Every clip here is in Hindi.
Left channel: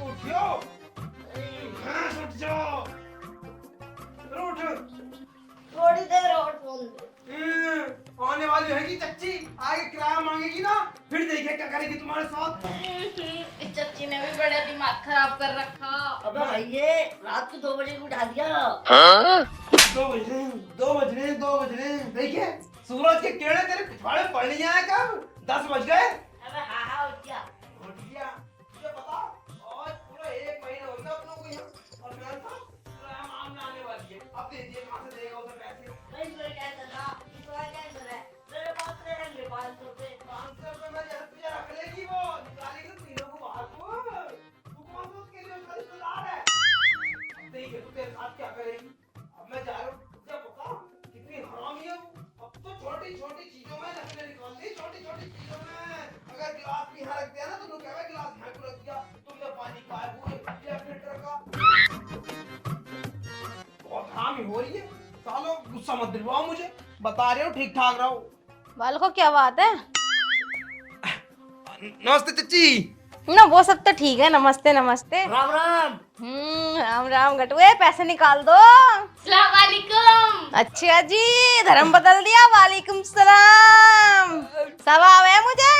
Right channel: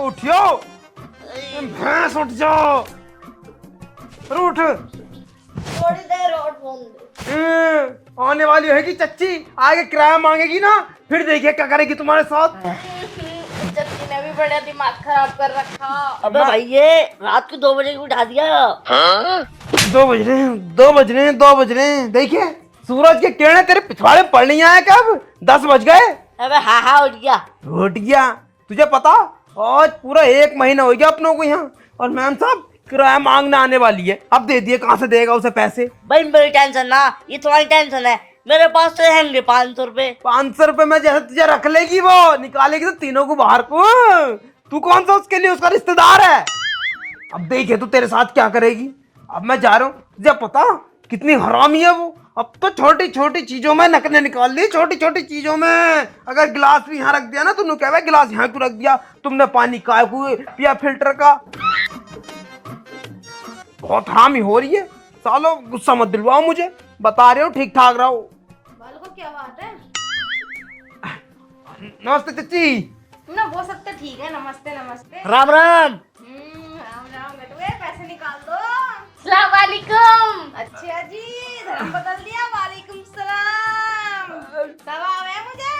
उठियो, भैंस उठ जाओ, उठ। थोड़ी देर और फोन दे। आने वाली होगी चच्ची, आगे किराया मांगेगी ना, फिर देखिए क्या करेगी तुम्हारे साथ। चच्ची ने भी बड़ा दिमाग खराब कर रखा। अबे भाई ये रात को 2 बजे को उठा दिया। 2 बज रहे हैं, 2 बज रहे हैं, 2 बज रहे हैं। देखिए सूरज के किरणें तेरे पिछवाड़े पड़ नहीं आए कब? 10 बज गए। अबे हाँ उठ गया। उठ गया। तुझे पता आज पूरा 1 महीना हो गया अपनों को यहाँ, और मैम साहब किराया मांगने आने वाली है। अब दे दिए, कहाँ से देगा उसे पैसे? भाई मेरी टेंशन ना, ये तुम्हारी टेंशन है। मेरे पास तो है 500 रुपए। 500 रुपए में जैसे तुझे रख लेगी, वो निकालेगी तो तीनों को बाहर को। तू कौन सा उसके लिए उसका रिश्तेदार है? अब देखिए तू तेरे साथ क्या करेगी। अब मैं जा रहा हूँ। तुझे पता कितनी हरामी है वो। अब तो छोटी छोटी चीजों में नकले निकाल ली, छोटी छोटी चीजों में। अगर गिलास भी यहाँ रख दिया ना, तुमने कहा गिलास यहाँ क्यों रख दिया? तुमने पानी काय को पिया फिल्टर का? बहुत हरामी हो रही है। सालो गुस्सा मत दिलवाओ मुझे, बता रहे हो ठीक ठाक रहो। बाल को क्या बात है? नमस्ते चच्ची। ना वो सब तो ठीक है, नमस्ते नमस्ते। राम राम। राम राम गटुए, पैसे निकाल दो। सलाम वालेकुम। अच्छा जी, धर्म बदल दिया। वालेकुम सलाम। सब आवे मुझे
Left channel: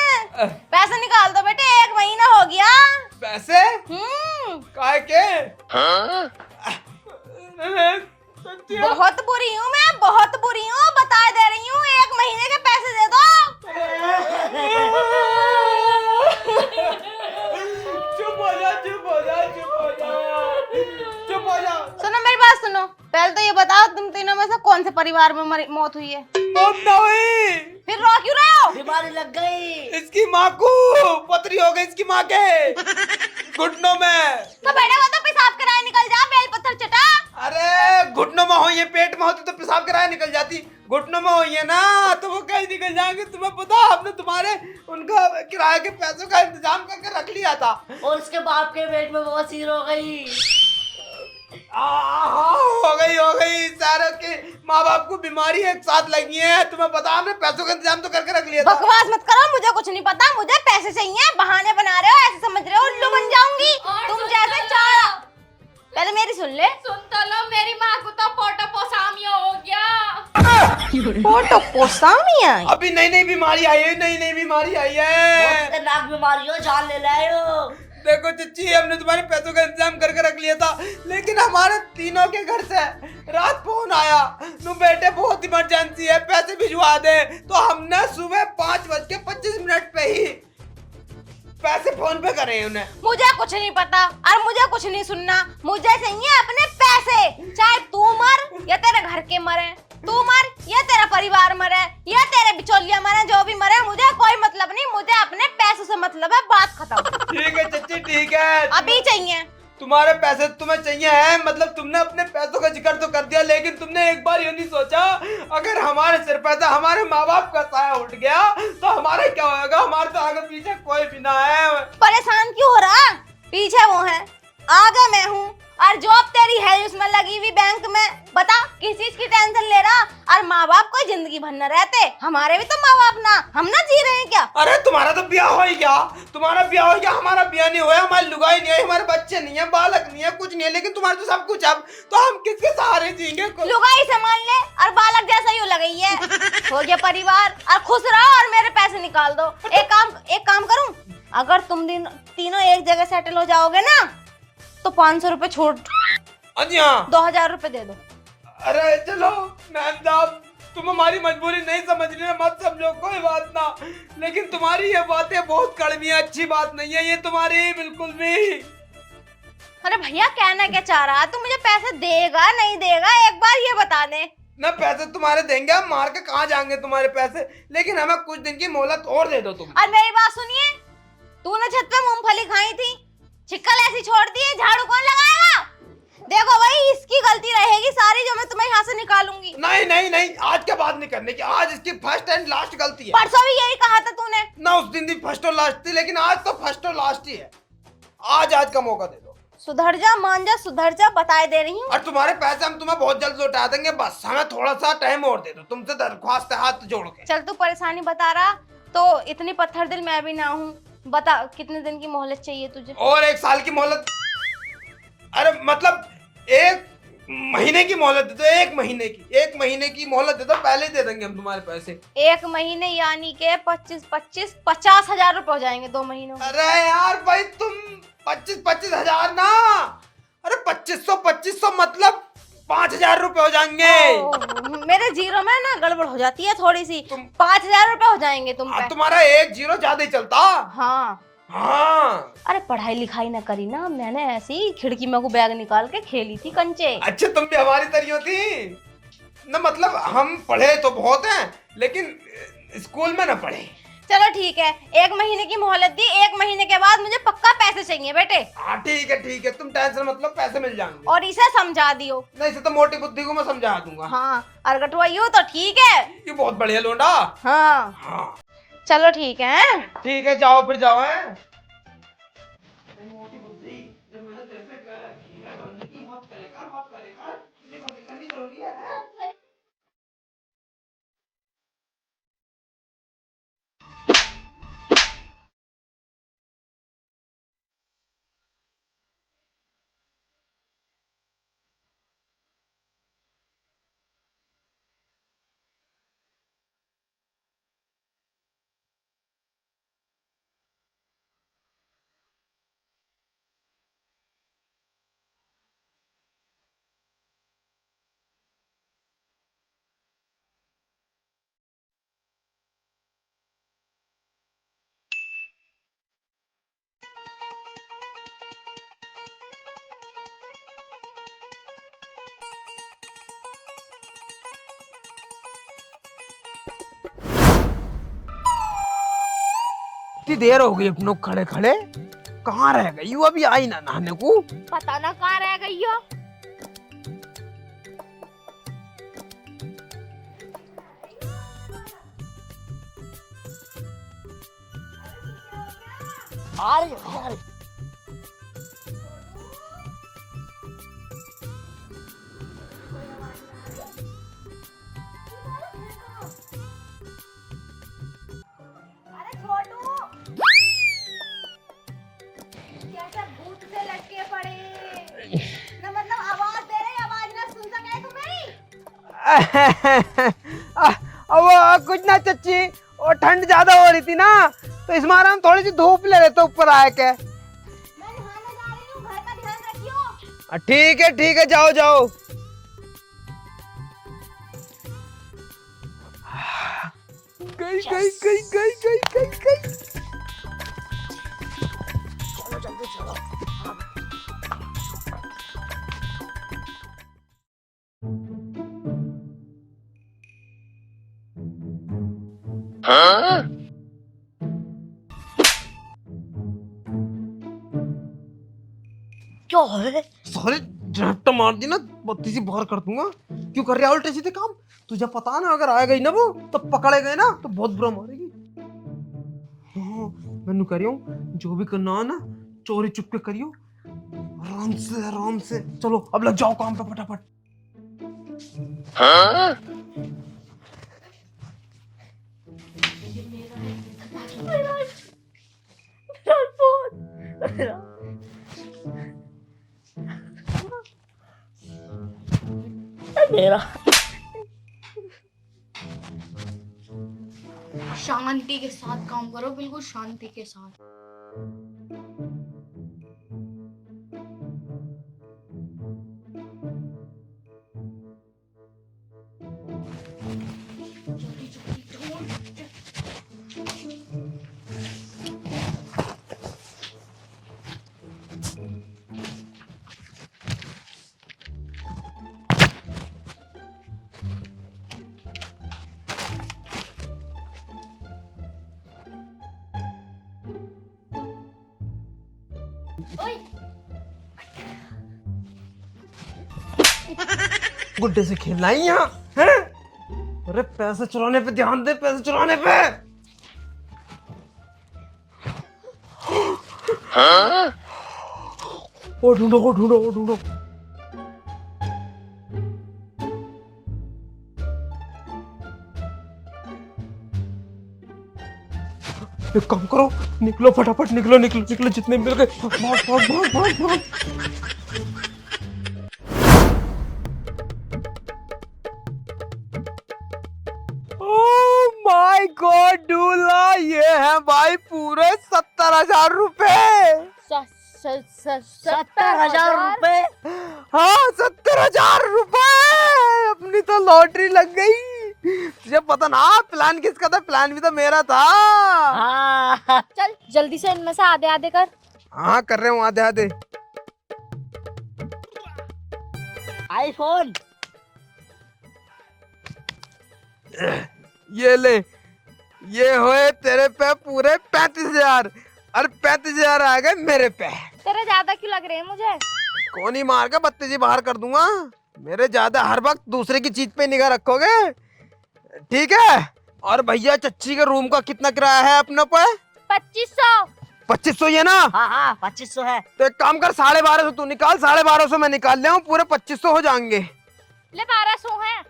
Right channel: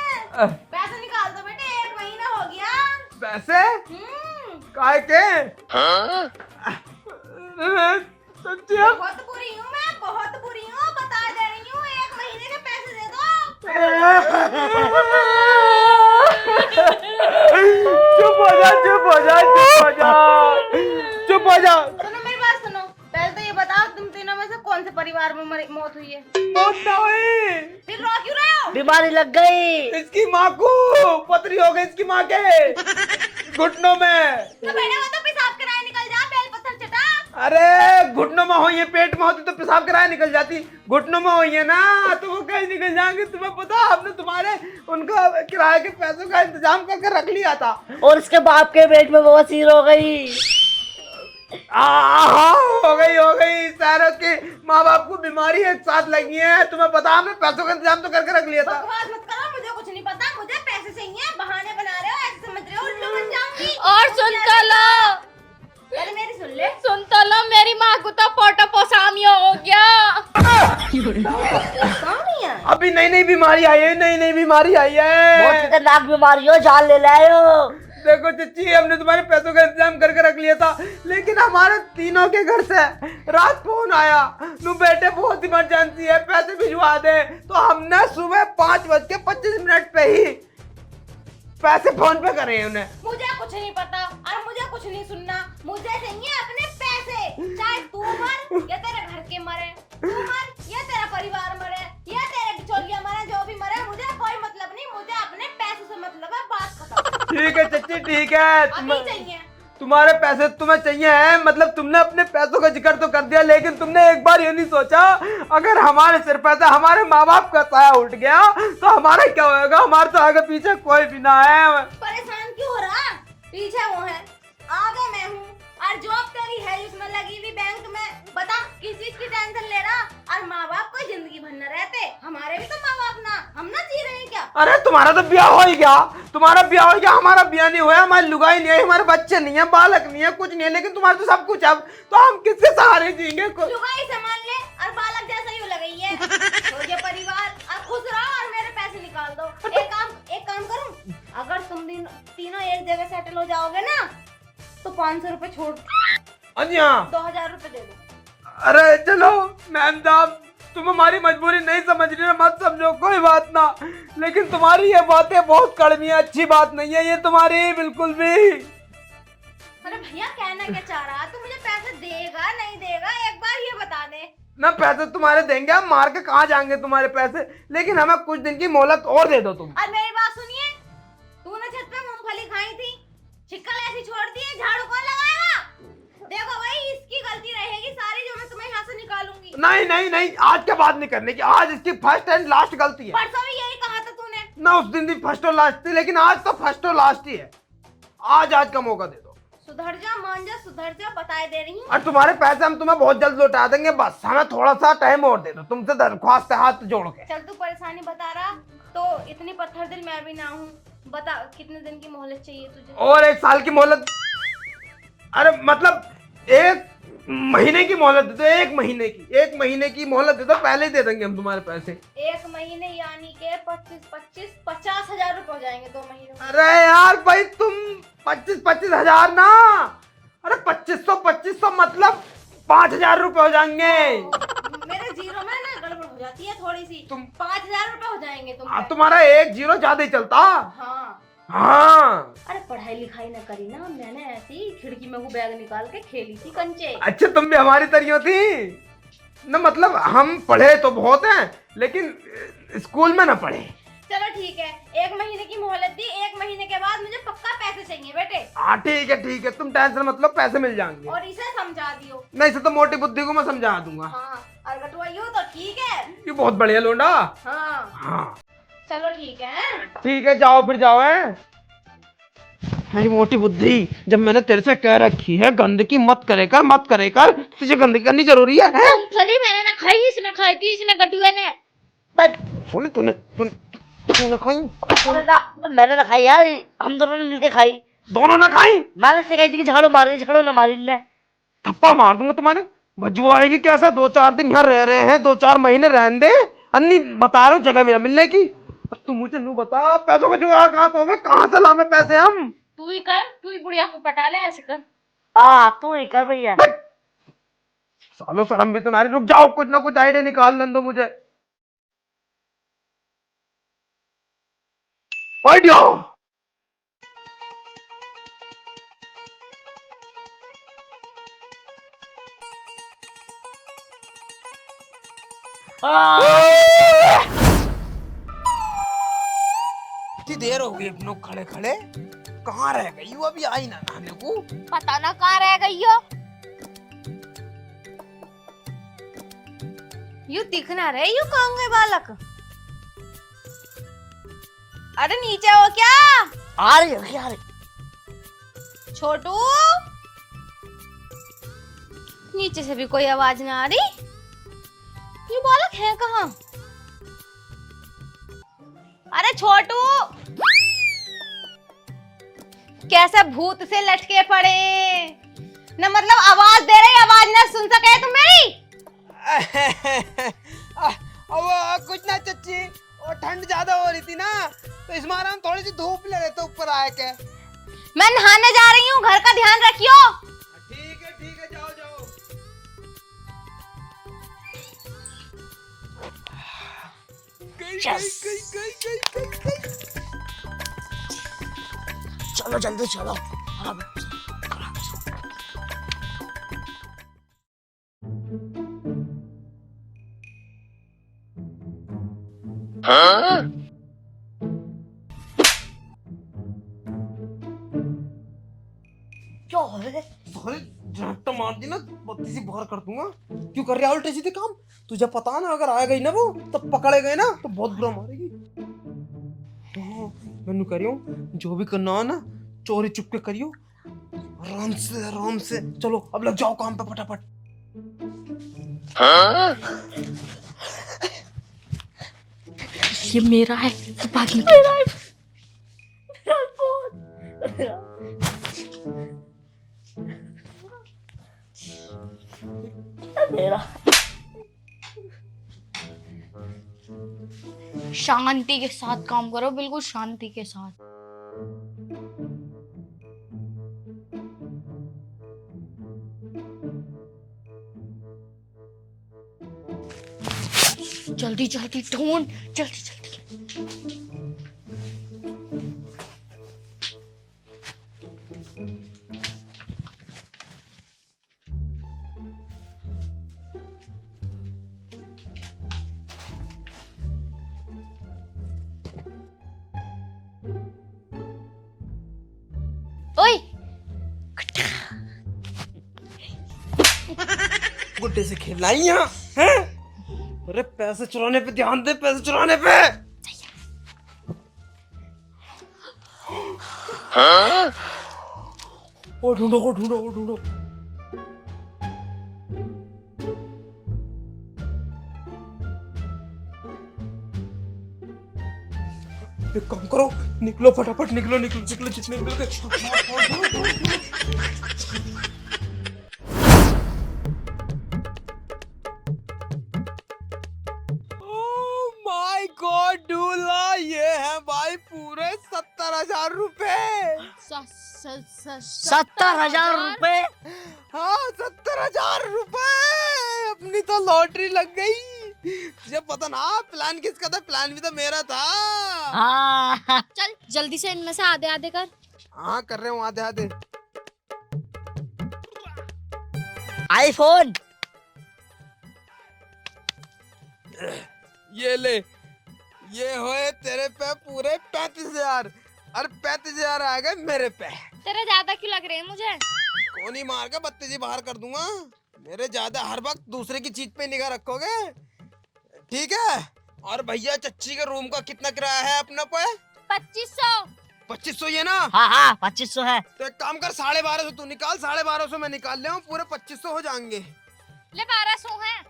पैसे निकाल दो बेटे, 1 महीना हो गया। पैसे काय के? बहुत बुरी हूँ मैं, बहुत बुरी हूँ, बता दे रही हूँ। 1 महीने के पैसे दे दो। चुप हो जा, चुप हो जा, चुप हो जा, चुप हो जा। सुनो मेरी बात सुनो, पहले तो ये बताओ तुम तीनों में से कौन से परिवार में मौत हुई है? फिर रो क्यों रहे हो? बीमारी लग गई। इसकी माँ को पथरी हो गई, इसकी माँ के घुटनों में। तो बेटा वो तो पेशाब कराए निकल जा, बेल पत्थर चटा। अरे घुटनों में हुई है, पेट में होती तो पेशाब कराए निकल जाती। घुटनों में हुई है ना, तो वो कहीं निकल जाएंगे। तुम्हें पता हमने तुम्हारे उनका किराए के पैसों का इंतजाम करके रख लिया था, और इसके बाप के पेट में बवासीर हो गई। हो गई। सारों के माँ बाप को बीमारी एक साथ लगी है। तुम्हें पता हमने पैसों का इंतजाम तो करके रख लिया था। बकवास मत करो, मुझे कुछ नहीं पता। मुझे पैसे चाहिए, बहाने बना रहे हो, ऐसे समझ रहे हो उल्लू बन जाऊंगी। और सुन तो लो, पहले मेरी सुन ले। सुन तो लो, मेरी माँ को तो पोटापोसामिया हो गया। पोटापोसामिया? अभी नई बीमारी आई है, नई बीमारी आई है। बहुत खतरनाक बीमारी हो, जान ले लायो। देखो चच्ची, हमने तुम्हारे पैसों का इंतजाम करके रख लिया था, लेकिन हमारे तीनों के घर से रात फोन आया, तुम बेटे बहुत इमरजेंसी है, पैसे भिजवा दे। तो हमने सुबह 5:25 पे ही पैसे फोन पे करे उन्हें। मुझे कुछ नहीं पता और मुझे कुछ नहीं सुनना। मुझे चाहिए अपने पैसे, चाहे तू मर या तेरे घर के मरे, तू मर या तेरा परिवार मरे या तेरे बिचौलिया मरे, जो भी मरे मुझे कोई मतलब नहीं। मुझे अपने पैसों से मतलब है, बात खत्म। ठीक है चच्ची, ठीक है। अभी चाहिए तुम्हारे पैसे तुम्हें चाहिए हैं, मतलब तुमने अपने पैसों का जिक्र तो कर दिया, लेकिन तुमने एक बार ये नहीं सोचा अगर हमारे सिर पे से हमारे माँ बाप का साया उठ गया तो हमारा क्या होगा? हमारे तो आगे पीछे कोई भी ना है। परेशान क्यों हो रहा? पीछे वो है, आगे मैं हूँ, और जॉब तेरी है उसमें लगी हुई बैंक में। बता किस चीज की टेंशन ले रहा? और माँ बाप को जिंदगी भर न रहते, हमारे भी तो माँ बाप ना, हम ना जी रहे हैं क्या? अरे तुम्हारा तो ब्याह हो ही गया, तुम्हारा ब्याह हो गया, हमारा ब्याह नहीं हुआ, हमारी लुगाई नहीं है, हमारे बच्चे नहीं है, बालक नहीं है, कुछ नहीं है, लेकिन तुम्हारा तो सब कुछ है। तो हम किसके सहारे जिएंगे? लुगाई संभाल ले और बालक जैसा ही लगी है। हो गया परिवार, और खुश रहो और मेरे पैसे निकाल दो। एक काम करूं, अगर तुम तीनों एक जगह सेटल हो जाओगे ना तो 500 रुपए छोड़ 2000 रुपए दे दो। अरे चलो मैम साहब, तुम हमारी मजबूरी नहीं समझ रही हो, मत समझो, कोई बात ना, लेकिन तुम्हारी ये बातें बहुत कड़वी है, अच्छी बात नहीं है ये तुम्हारी बिल्कुल भी। अरे भैया कहना क्या चाह रहा? तू मुझे पैसे देगा नहीं देगा, एक बार ये बता दे। ना पैसे तुम्हारे देंगे, हम मार के कहाँ जाएंगे तुम्हारे पैसे, लेकिन हमें कुछ दिन की मोहलत और दे दो तुम। और मेरी बात सुनिए, तूने छत पे मूंगफली खाई थी, छिक्कल ऐसी छोड़ दी है, झाड़ू कौन लगाएगा? देखो भाई, इसकी गलती रहेगी सारी जो मैं तुम्हें यहाँ से निकालूंगी। नहीं नहीं नहीं, आज के बाद नहीं करने की। आज इसकी फर्स्ट एंड लास्ट गलती है। परसों भी यही कहा था तूने। ना उस दिन भी फर्स्ट और लास्ट थी, लेकिन आज तो फर्स्ट और लास्ट ही है। आज का मौका दे दो। सुधर जा, मान जा, सुधर जा, बताए दे रही हूँ। और तुम्हारे पैसे हम तुम्हें बहुत जल्द लौटा देंगे, बस हमें थोड़ा सा टाइम और दे दो। तुमसे दरख्वास्त है हाथ जोड़ के। चल तू परेशानी बता रहा तो इतनी पत्थर दिल मैं भी ना हूँ। बता कितने दिन की मोहलत चाहिए तुझे? और 1 साल की मोहलत। अरे मतलब 1 महीने की मोहलत दे दो। 1 महीने की मोहलत दे दो, पहले ही दे देंगे हम तुम्हारे पैसे। 1 महीने यानी के 50,000 रुपए हो जाएंगे 2 महीनों में। अरे यार भाई, तुम 25 हजार ना, अरे 2500 मतलब 5,000 रुपए हो जाएंगे। मेरे जीरो में ना गड़बड़ हो जाती है थोड़ी सी। 5,000 रुपए हो जाएंगे तुम पे। तुम्हारा 1 जीरो ज्यादा ही चलता। हाँ हाँ। अरे पढ़ाई लिखाई ना करी ना, मैंने ऐसे ही खिड़की में को बैग निकाल के खेली थी कंचे। अच्छा, तुम भी हमारी तरह थी ना। मतलब हम पढ़े तो बहुत हैं, लेकिन स्कूल में ना पढ़े। चलो ठीक है, 1 महीने की मोहलत दी। 1 महीने के बाद मुझे पक्का पैसे चाहिए बेटे। हाँ ठीक है, तुम टेंशन मत लो, पैसे मिल जाएंगे। और इसे समझा दियो। नहीं, इसे तो मोटी बुद्धि को मैं समझा दूंगा। हाँ, और गटवाइयो तो ठीक है। ये बहुत बढ़िया लोंडा। हाँ हाँ चलो ठीक है। ठीक है, जाओ फिर जाओ। है मेरी मोटी बुद्धि, जब मैंने तेरे से कह रखी है गंदगी मत करे कर, तुझे गंदगी करनी जरूरी है? मूंगफली मैंने ना खाई, इसने खाई थी, इसने कटुए ने। बस तूने खाई? मैंने ना खाई यार, हम दोनों ने मिलके खाई। दोनों ने खाई? मैंने से कही थी कि झाड़ू ना मारी ने। थप्पा मार दूंगा तुम्हारे। बदबू आएगी कैसा? 2-4 दिन यहाँ रह रहे हैं, 2-4 महीने रहने दे। अन्नी बता रहा हूँ जगह मेरा मिलने की। तू मुझे नू बता, पैसों का जुगाड़ कहाँ से लावे पैसे हम? तू ही कर, तू ही बुढ़िया को पटा ले, ऐसे कर। हाँ तू ही कर भैया। सालों शर्म भी तुम्हारी। रुक जाओ, कुछ ना कुछ आइडिया निकाल दो मुझे। आइडिया। इतनी देर हो गई अपनों खड़े खड़े, कहाँ रह गई वो? अभी आई ना नहाने को। पता ना कहाँ रह गई हो। यू दिखना रहे, यू कहाँ गए बालक? अरे नीचे हो क्या? आ रही है छोटू, नीचे से भी कोई आवाज ना आ रही। ये बालक है कहाँ? अरे छोटू, कैसे भूत से लटके पड़े ना, मतलब आवाज दे रही, आवाज ना सुन सके तुम मेरी? अब कुछ ना चच्ची, और ठंड ज्यादा हो रही थी ना, तो इस मारा हम थोड़ी सी धूप ले लेते ऊपर आए के। मैं नहाने जा रही हूँ, घर का ध्यान रखियो। ठीक है, जाओ जाओ। गई। चलो जल्दी चलो। क्या है? सारे झपटा मार दी ना, बत्ती सी बाहर कर दूंगा। क्यों कर रहे हो उल्टे सीधे काम? तुझे पता है ना, अगर आ गई ना वो, तो पकड़े गए ना तो बहुत बुरा मारेगी। तो मैंने कह रही हूँ, जो भी करना हो ना, चोरी चुपके करियो, आराम से। चलो अब लग जाओ काम पे फटाफट। ये मेरा है, बाकी मेरा है। मेरा शांति के साथ काम करो, बिल्कुल शांति के साथ। जल्दी जल्दी ढूंढ, जल्दी जल्दी। ओए गुड्डे से खेलना ही है, हैं? अरे पैसे चुराने पे ध्यान दे, पैसे चुराने पे। ओ ढूंढो, ओ ढूंढो, ओ ढूंढो। एक काम करो, निकलो फटाफट, निकलो निकलो निकलो, जितने मिल गए भाग भाग भाग भाग भाग। ओह माय गॉड दूल्हा, ये है भाई पूरे 70,000 रुपए। 70,000 रुपए? हाँ 70,000 रुपए, अपनी तो लॉटरी लग गई। तुझे पता ना प्लान किसका था? प्लान भी तो मेरा था। हाँ। चल जल्दी से इनमें से आधे आधे कर। हाँ कर रहे हूँ आधे आधे। आईफोन। ये ले, ये होए तेरे पे पूरे 35,000 और 35,000 आ गए मेरे पे। तेरे ज्यादा क्यों लग रहे हैं मुझे? कौन ही मार के बत्तीसी बाहर कर दूंगा। मेरे ज्यादा हर वक्त दूसरे की चीज पे निगाह रखोगे, ठीक है? और भैया चच्ची के रूम का कितना किराया है अपने पे? 2500। 2500 ये ना? हाँ हाँ 2500 है। तो एक काम कर, 1250 तू निकाल, 1250 मैं निकाल ले हूँ, पूरे 2500 हो जाएंगे। ले 1200 है।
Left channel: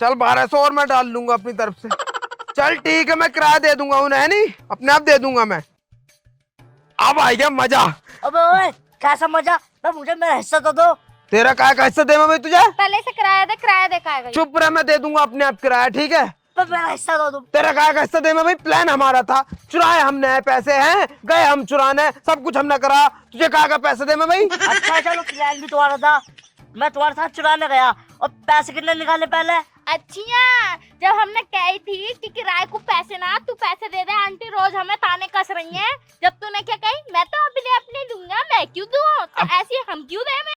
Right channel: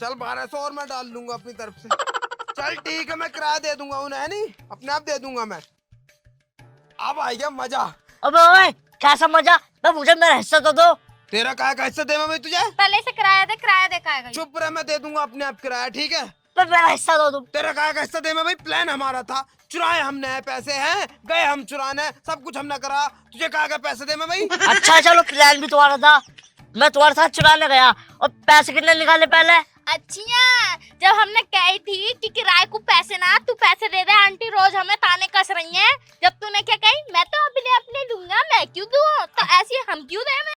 चल 1200 और मैं डाल लूंगा अपनी तरफ से। चल ठीक है, मैं किराया दे दूंगा उन्हें, है नहीं? अपने आप दे दूंगा मैं। अब आ गया मजा। अबे ओए, कैसा मजा? मैं मुझे मेरा हिस्सा तो दो। तेरा काय का हिस्सा दे मैं भाई तुझे? पहले से किराया दे खाएगा। चुप रह, मैं दे दूंगा अपने आप किराया, ठीक है? तो मेरा हिस्सा दो तुम। तेरा काय का हिस्सा दे मैं भाई? प्लान हमारा था, चुराए हमने, पैसे हैं, गए हम चुराने, सब कुछ हमने करा। तुझे काय का पैसे दे मैं भाई? अच्छा चलो, प्लान भी तुम्हारा था, मैं तुम्हारे साथ चुराने गया। और पैसे कितने निकाले पहले? अच्छा, जब हमने कही थी कि किराए को पैसे ना, तू पैसे दे दे, आंटी रोज हमें ताने कस रही हैं। जब तूने क्या कही, मैं तो अपने अपने दूंगा, मैं क्यों दूं? तो ऐसे हम क्यों दे?